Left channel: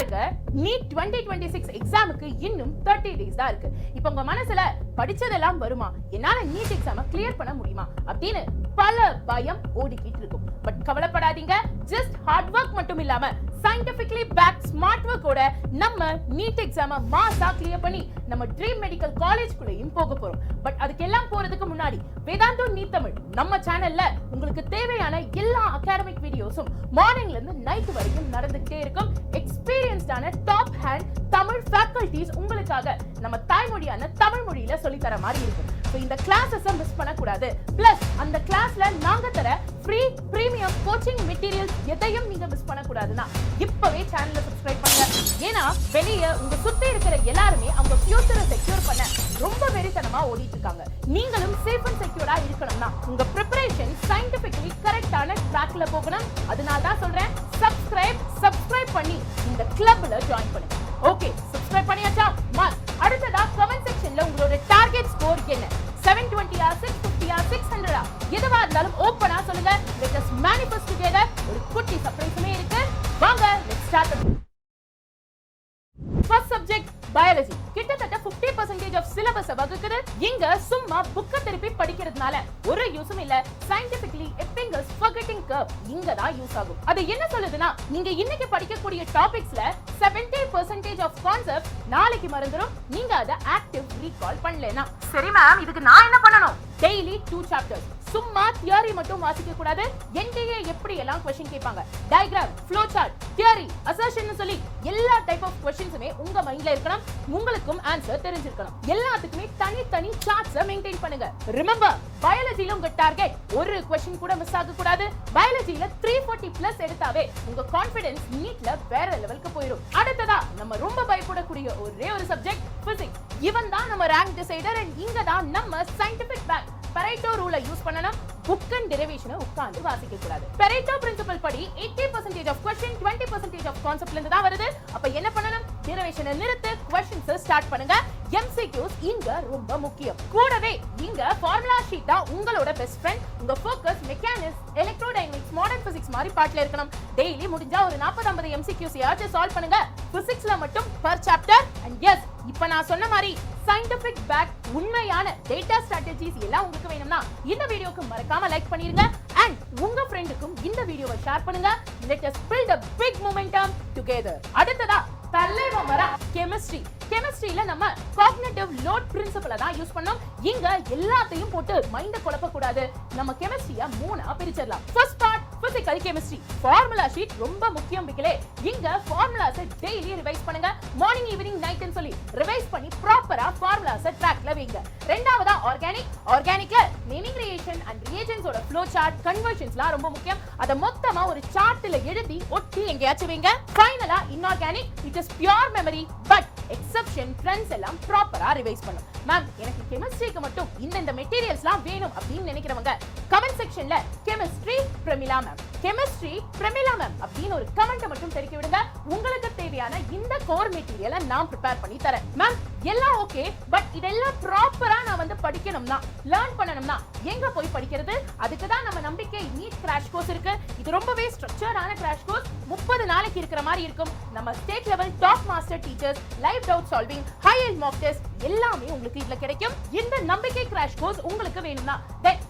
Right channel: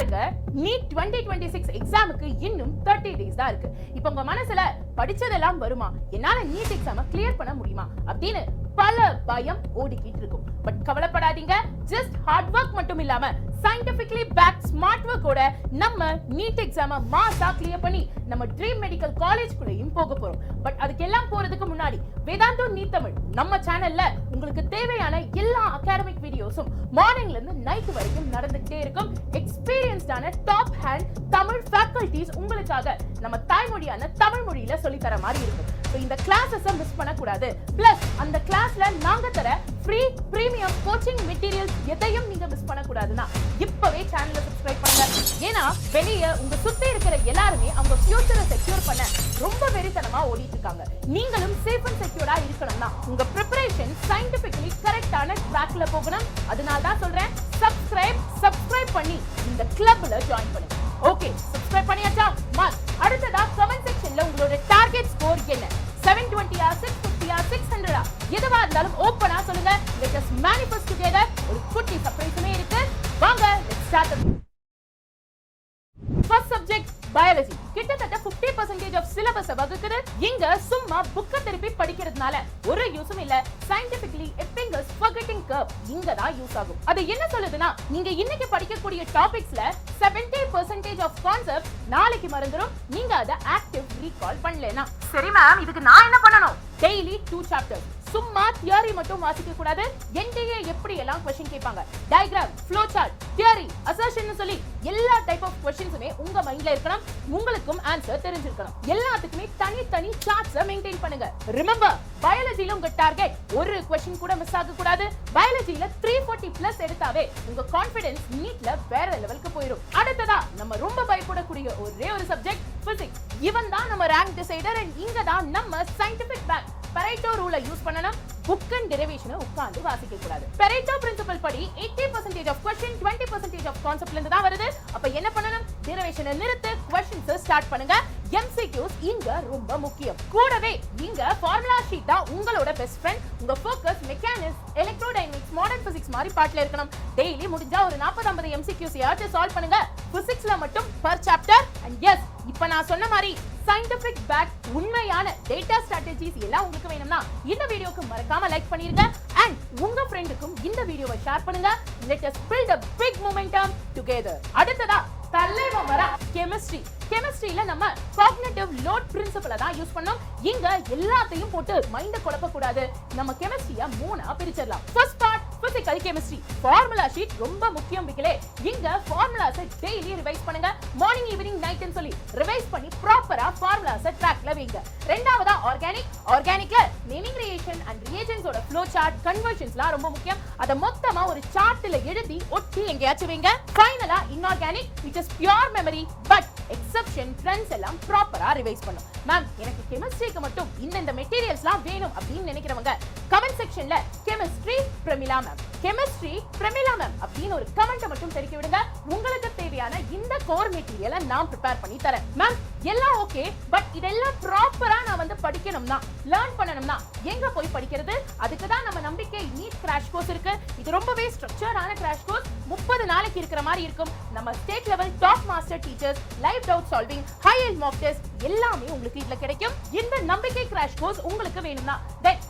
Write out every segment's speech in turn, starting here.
பாருங்க, நீட் 2026 எக்ஸாமுக்கு இன்னும் 30 days தான் இருக்கு. இப்போ உங்க மனசுல படிச்சதெல்லாம் வருமா, என்னால நீட் எக்ஸாமை கிளியர் பண்ண முடியுமா அப்படின்னு பல பயம் ஓடிக்கிட்டு இருக்கும். பட் கவலைப்படாதீங்க, ஜஸ்ட் ஹார்ட் ஒர்க் மட்டும் இல்லாம சயின்டிபிக்கலி பேக் ஸ்மார்ட் ஒர்க்கோட நம்ம நீட் எக்ஸாமை மாஸா கிளியர் பண்ணி நம்ம ட்ரீம் மெடிக்கல் காலேஜ் கூடயும் போக போறோம். பட் அதுக்கெல்லாம் போறதுக்கு முன்னாடி வேதாந்து நீட் தமிழ் நம்ம சேனல்ல உங்களுக்கு தேவையான எல்லா அகாடமிக் வீடியோஸும் மார்னிங்ல இருந்து நைட் வரைக்கும் நடந்துகிட்டே இருக்கும். எக்ஸ்பீரியன்ஸ்டான டாப் ஹேண்ட் தமிழ் ஃபேக்கல்டிஸ் உங்களுக்காக நம்ம தாய்மொழியான தமிழ் மொழியில சொல்லி தர மாதிரி இருக்கும். இந்த கிளாஸஸை மிஸ் பண்ணக்கூடாது. பிளஸ் அந்த கிளாஸ்ல நாங்க தர ஃப்ரீ பிரீமியம் கோச்சிங் மெட்டீரியல்ஸ் எதையும் நீங்க மிஸ் பண்ணக்கூடாதுன்னா இப்பவே சேனலை சப்ஸ்கிரைப் பண்ணுங்க. ஏன்னா வெளிய உங்க சுத்தி இருக்கிற எல்லாருமே அவங்க ஃபியூச்சரை செக்யூர் பண்ண ரொம்ப வெறித்தனமா ஓடிட்டு இருக்காங்க. நீங்களும் சேஃப் அண்ட் செக்யூர்டா இருக்கணும்னா உங்க ப்ரிப்பரேஷன் சயின்டிபிக்கலி கரெக்டான ட்ராக்ல போகணும். அதனால தான் சொல்றேன், சப்ஸ்கிரைப் பண்ணி இந்த கிளப்ல ஜாயின் பண்ணுங்க. ஓகே, சப்ஸ்கிரைப் பண்ணியாச்சா? அடுத்ததா கமெண்ட் செக்ஷன்ல உங்களோட டார்கெட் ஸ்கோர் என்ன, 720 650 600 எதுவா இருந்தாலும் ஓபனா சொல்லுங்க. Just manifest together. குட்டி சர்ப்ரைஸுமே இருக்கு. வாங்க let's start. First subject biology. கிட்டத்தட்ட 50% ஆஃப் சிலபஸ் வகுக்குது. இங்க சும்மா புக் திருப்பி படிக்கிறதுனால ஒரு யூஸும் இல்ல. சயின்டிபிக்கலி எத்தனஸ் ஃபர்கெட்டிங் கர்வ் இங்க தான் யூஸ் ஆகும். அது என்ன சொல்லுதுன்னா, நீங்க இன்னைக்கு படிக்கக்கூடிய டாபிக்ஸ்ல 70% ஆஃப் கான்செப்ட் நாளைக்கு மறந்துடும். நீங்க அத ஆக்டிவ் ரீகால் பண்ணலனா. சரி மேம், இதுக்கு நான் என்ன பண்ணணும்? Daily 2 chapters. சும்மா தியரி மட்டும் வாசிக்க கூடாது. என்கிட்ட எப்படி எல்லாம் क्वेश्चन கேட்பாங்க, diagram, flow chart, theory, assertion சொல்லி எல்லா டைப் ஆஃப் क्वेश्चंसமே உங்க மைண்ட்ல இருக்கணும். உங்களுக்கும் ஆன்சர் தெரிஞ்சிருக்கணும். எல்லாத்துக்குமே தனித்தனி சார்ட்ஸ் மெயின்டைன் பண்ணுங்க. ரிமெம்பர், பயாலஜில உங்க டார்கெட் ஒரு क्वेश्चन கூட மிஸ் ஆக கூடாது. பயாலஜில 340 பிளஸ் எடுத்தாவே உங்க கான்ஃபிடன்ஸ் நீட்ல வேற லெவலுக்கு போயிடும். அடுத்ததா நம்ம ரொம்ப பயப்படக்கூடிய ஒரே ஒரு சப்ஜெக்ட் பிசிக்ஸ். இவன் தான் நம்ம ரேங்க் டிசைடர். இங்க தான் நம்ம சயின்டிபிக் பேக் பரேட்டோ ரூலை யூஸ் பண்ணனும். புக் அண்ட் டெரிவேஷனை உட்கார்ந்து வாசிக்க கூடாது. பரேட்டோ பிரின்சிபல் படி 80% ஆஃப் क्वेश्चन 20% ஆஃப் கான்செப்ட்ல இருந்து தான் வருது. அப்ப என்ன பண்ணனும்? டெரிவேஷனை நிறுத்து, क्वेश्चंस ஸ்டார்ட் பண்ணுங்க. MCQs இங்க ரொம்ப முக்கியம். கூடவே நீங்க ஃபார்முலா ஷீட்டா உங்களோட பெஸ்ட் ஃப்ரெண்ட். உங்க focus mechanics, electrodynamics, modern physics மாதிரி பார்ட்ல இருக்கணும். டெய்லி முடிஞ்சா ஒரு 40-50 MCQs யாவது சால்வ் பண்ணுங்க. பிசிக்ஸ்ல மட்டும் பர் சாப்டர். எஸ், இப்ப நான் சொன்ன மாதிரி சயின்டிபிக் ஃபேக்ட், உண்மையான டேட்டா ஸ்ட்ராட்டஜிஸ் எல்லாம் உங்களுக்கு வேணும்னா இந்த வீடியோக்கு மறக்காம லைக் பண்ணிருங்க. அண்ட் உங்க ஃப்ரெண்டுக்கும் இந்த வீடியோவை ஷேர் பண்ணுங்க. Let us build a big momentum together. அடுத்தது கெமிஸ்ட்ரியில நம்ம காக்னிட்டிவ் லோட் பிரின்சிபலை தான் யூஸ் பண்ணோம். இங்க எல்லாத்தையும் போட்டு மைண்ட குழப்ப கூடாது. நம்ம கெமிஸ்ட்ரியை 3ஆ பிரிச்சிடலாம். First part physical chemistry. Formula sheet ரொம்ப முக்கியம் பிக்கலே. இங்க ஃபார்முலாஸை டெய்லி ரிவைஸ் பண்ணுங்க. மார்னிங், ஈவினிங், நைட் ன்னு சொல்லி ரிவைஸ் பண்ணி ப்ராப்பரா ஃபார்முலாஸை ட்ராக்ல வைங்க. ரெண்டாவதா ஆர்கானிக்ல நேமிங் ரிலேஷன் அண்ட் ரிஏஜென்ட்ஸோட ஃப்ளோ சார்ட், கன்வர்ஷன்ஸ்லாம் ரொம்ப முக்கியம். அத மொத்தமா ஒரு சார்ட்ல எழுதி ஒட்டி எங்கயாச்சும் வைங்க. ஃபைனலா inorganic, it is pure memory but exception trends எல்லாம் ப்ராப்பரா ரிவைஸ் பண்ணும். மேம், எனக்கு கெமிஸ்ட்ரிக்கு மட்டும் இந்த மெட்டீரியல்ஸ்லாம் வேணும் அப்படின்னு நினைக்கிறவங்க கமெண்ட் செக்ஷன்ல கெமிஸ்ட்ரி பிரமிளா மேம் அப்படின்னு ஒரு கமெண்ட்டை மட்டும் தெரிவித்து விடுங்க. உங்களுக்கு தேவையான இந்த கோர் மெட்டீரியலை நான் ப்ரிப்பேர் பண்ணி தரேன். மேம், எல்லாம் ஓகே, பட் இதெல்லாம் ப்ராப்பரா நான் வந்து படிக்கணும்னா, லேர்ன் பண்ணணும்னா எங்க போய் படிக்கிறது? அதுக்கு தான் நம்ம நம்பிக்கை நீட் கிராஷ் கோர்ஸ் இருக்கு. இது ரொம்பவே ஸ்ட்ரக்சர்டான கிராஷ் கோர்ஸ். 30 நாளைக்கு இருக்கிற மாதிரி இருக்கும். நம்ம state level top master teachers, light doubt solving, high end Mach test எல்லாமே உங்களுக்கு இதுல கிடைக்கும். இந்த நம்பிக்கை கிராஷ் கோர்ஸ் உங்களுக்கு வேணும்னா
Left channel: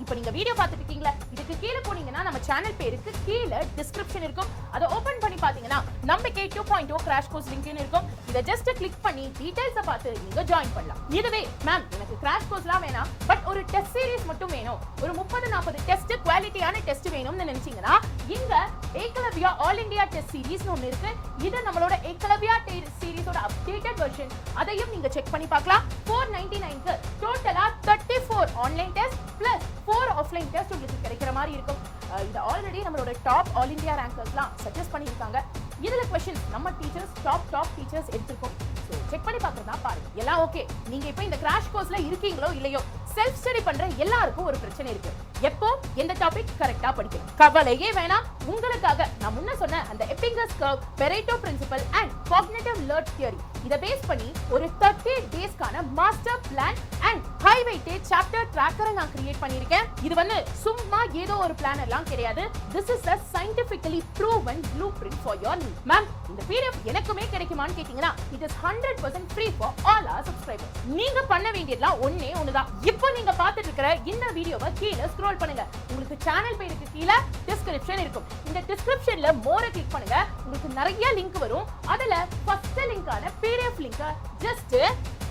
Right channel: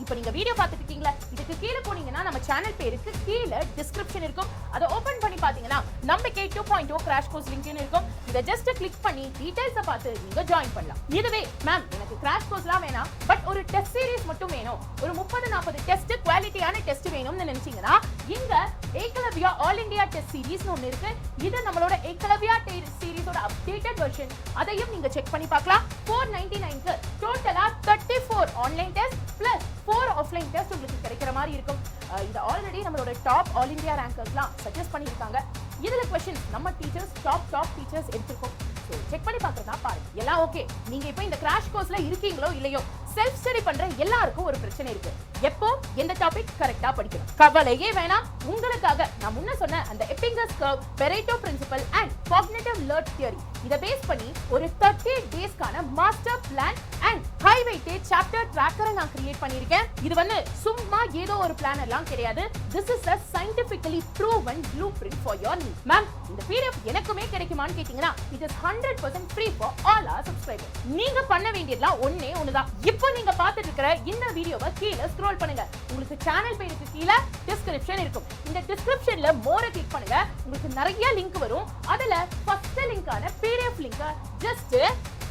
இப்போ நீங்க வீடியோ பார்த்துட்டு இருக்கீங்களா, இதுக்கு கீழே போனீங்கன்னா நம்ம சேனல் பேருக்கு கீழே டிஸ்கிரிப்ஷன் இருக்கும். அதை ஓபன் பண்ணி பாத்தீங்கன்னா நம்பிக்கை 2.0 கிராஷ் கோர்ஸ் லிங்க்னு இருக்கும். இத ஜஸ்ட் கிளிக் பண்ணி டீடைல்ஸ் பார்த்து நீங்க ஜாயின் பண்ணலாம். இதுவே மேம், எனக்கு கிராஷ் கோர்ஸ்லாம் வேணாம், பட் ஒரு டெஸ்ட் சீரிஸ் மட்டும் வேணும், ஒரு 30-40 டெஸ்ட் குவாலிட்டியான டெஸ்ட் வேணும்னு நினைச்சீங்கன்னா இந்த Eklavya all India test series ஒன்னு இருக்கு. இது நம்மளோட ஏகலவ்யா டெஸ்ட் சீரிஸோட அப்டேட்டட் வெர்ஷன். அதையும் நீங்க செக் பண்ணி பார்க்கலாம். 499 க்கு டோட்டலா 34 online test plus 4 offline test உங்களுக்கு கிடைக்கிற மாதிரி இருக்கும். இந்த ஆல்ரெடி நம்மளோட டாப் ஆல் இந்தியா ரேங்கர்ஸ்லாம் சஜஸ்ட் பண்ணிருக்காங்க. இதுல क्वेश्चन நம்ம டீச்சர்ஸ் டாப் டீச்சர்ஸ் எடுத்துக்கோம். சோ செக் பண்ணி பார்த்துக்கலாம் பாருங்க. எல்லாம் ஓகே. நீங்க இப்போ இந்த கிராஷ் கோர்ஸ்ல இருக்கீங்களோ இல்லையோ, செல்ஃப் ஸ்டடி பண்ற எல்லாருக்கும் ஒரு பிரச்சனை இருக்கு. எப்போ எந்த டாபிக் கரெக்டா படிக்கணும் கவலையே வேணாம். உங்களுக்காக நான் முன்ன சொன்ன அந்த Ebbinghaus curve, Pareto principle and cognitive learn theory இத பேஸ் பண்ணி ஒரு 30 டேஸ்க்கான master plan and high weightage chapter ட்ராக்கரை நான் கிரியேட் பண்ணிருக்கேன். இது வந்து சும்மா ஏதோ ஒரு பிளான் எல்லாம் கிடையாது. This is a scientifically proven blueprint for your needs. Ma'am, இந்த PDF எனக்குமே கிடைக்குமான்னு கேட்டீங்கன்னா it is 100% free for all our subscribers. நீங்க பண்ண வேண்டியதெல்லாம் ஒண்ணுதான். இப்போ நீங்க பார்த்துட்டு இருக்கிற இந்த வீடியோவை கீழே ஸ்க்ரோல் பண்ணுங்க. உங்களுக்கு சேனல் பேருக்கு கீழே டிஸ்கிரிப்ஷன் இருக்கும். இந்த டிஸ்கிரிப்ஷன்ல மோரை கிளிக் பண்ணுங்க. உங்களுக்கு நிறைய லிங்க் வரும். அதுல ஃபர்ஸ்ட் லிங்கான PDF லிங்க் ஜஸ்ட்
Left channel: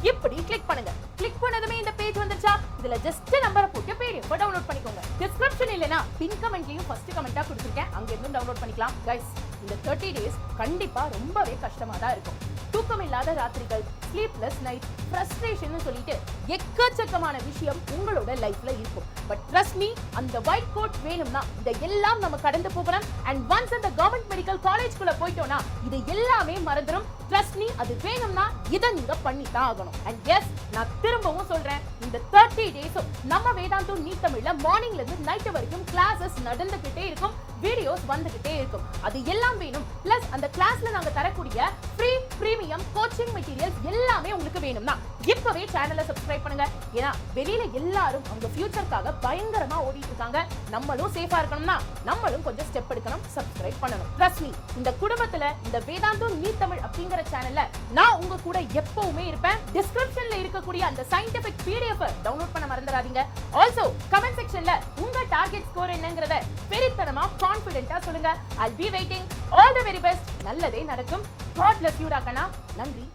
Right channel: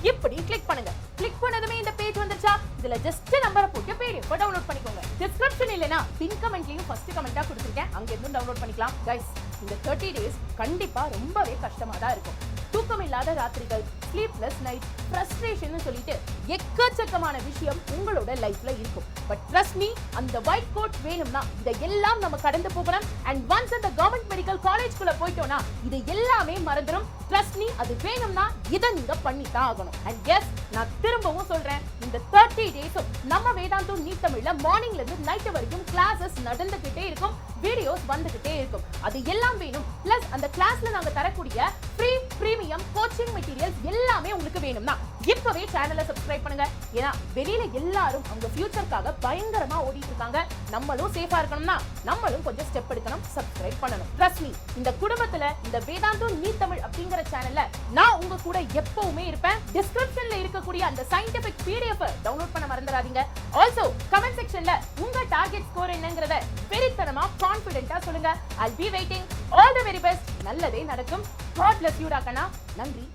இப்படி கிளிக் பண்ணுங்க. கிளிக் பண்ணதுமே இந்த பேஜ் வந்துச்சா? இதுல ஜஸ்ட் நம்பரை போட்டு PDF டவுன்லோட் பண்ணிக்கோங்க. டிஸ்கிரிப்ஷன் இல்லனா பின் கமெண்ட்லயும் ஃபர்ஸ்ட் கமெண்டா கொடுத்துட்டேன், அங்க இருந்து டவுன்லோட் பண்ணிக்கலாம். गाइस, இந்த 30 டேஸ் கண்டிப்பா ரொம்பவே கஷ்டமா தான் இருக்கும். தூக்கம் இல்லாத ராத்திரிகள், ஸ்லீப்லெஸ் நைட், ஃப்ரஸ்ட்ரேஷன் சொல்லிட்டு எக்கச்சக்கமான விஷயம் உங்களோட லைஃப்ல இருக்கும். பட் ட்ரஸ்ட் மீ, அந்த ஒயிட் கோட் வேணும்னா இதெல்லாம் நம்ம கடந்து போகணும். அண்ட் ஒன்ஸ் அந்த கவர்மெண்ட் மெடிக்கல் காலேஜ்க்குள்ள போயிட்டோம்னா இது எல்லாமே மறந்துடும். ட்ரஸ்ட் மீ, அது வேணும்னா இதை நீங்க பண்ணித்தான் ஆகணும். அண்ட் எஸ், நான் திரும்பவும் சொல்றேன், இந்த 30 டேஸும் நம்ம வேதாந்தா நீட் தமிழ்ல மார்னிங்ல இருந்து நைட் வரைக்கும் கிளாஸஸ் நடந்துகிட்டே இருக்கும், வீடியோஸ் வந்துகிட்டே இருக்கும். அது எல்லாம் வேணும். பிளஸ் அந்த கிளாஸ்ல நாங்க தரக்கூடிய ஃப்ரீ பிரீமியம் கோச்சிங் மெட்டீரியல்ஸ் எல்லாமே உங்களுக்கு வேணும்னா இப்பவே சேனலை சப்ஸ்கிரைப் பண்ணுங்க. ஏன்னா வெளியில எல்லாரும் உங்க ஃபியூச்சருக்காக பயங்கரமா ஓடிட்டு இருக்காங்க. நம்மளும் சேஃபா இருக்கணும்னா நம்மளும் கொஞ்சம் ஸ்டெப் எடுக்கணும், சப்ஸ்கிரைப் பண்ணணும். ட்ரஸ்ட் மீ, இந்த குடும்பத்துல இந்த வேதாந்தா நீட் தமிழ் அப்படிங்கிற சேனல்ல நான் உங்க கூட எப்பவுமே இருப்பேன். டிஸ்கிரிப்ஷன்ல இருக்கக்கூடிய அந்த சயின்டிபிக் PDF டவுன்லோட் பண்ண மறந்துடாதீங்க. ஆல்சோ கமெண்ட் செக்ஷன்ல உங்க டார்கெட் ஸ்கோர் என்னங்கறத வெரித்தனமா கான்ஃபிடென்ட்டா சொல்லுங்க. I'll be waiting. All the very best. நல்லதே நடக்கும். God bless you, டாக்கனா. நன்றி.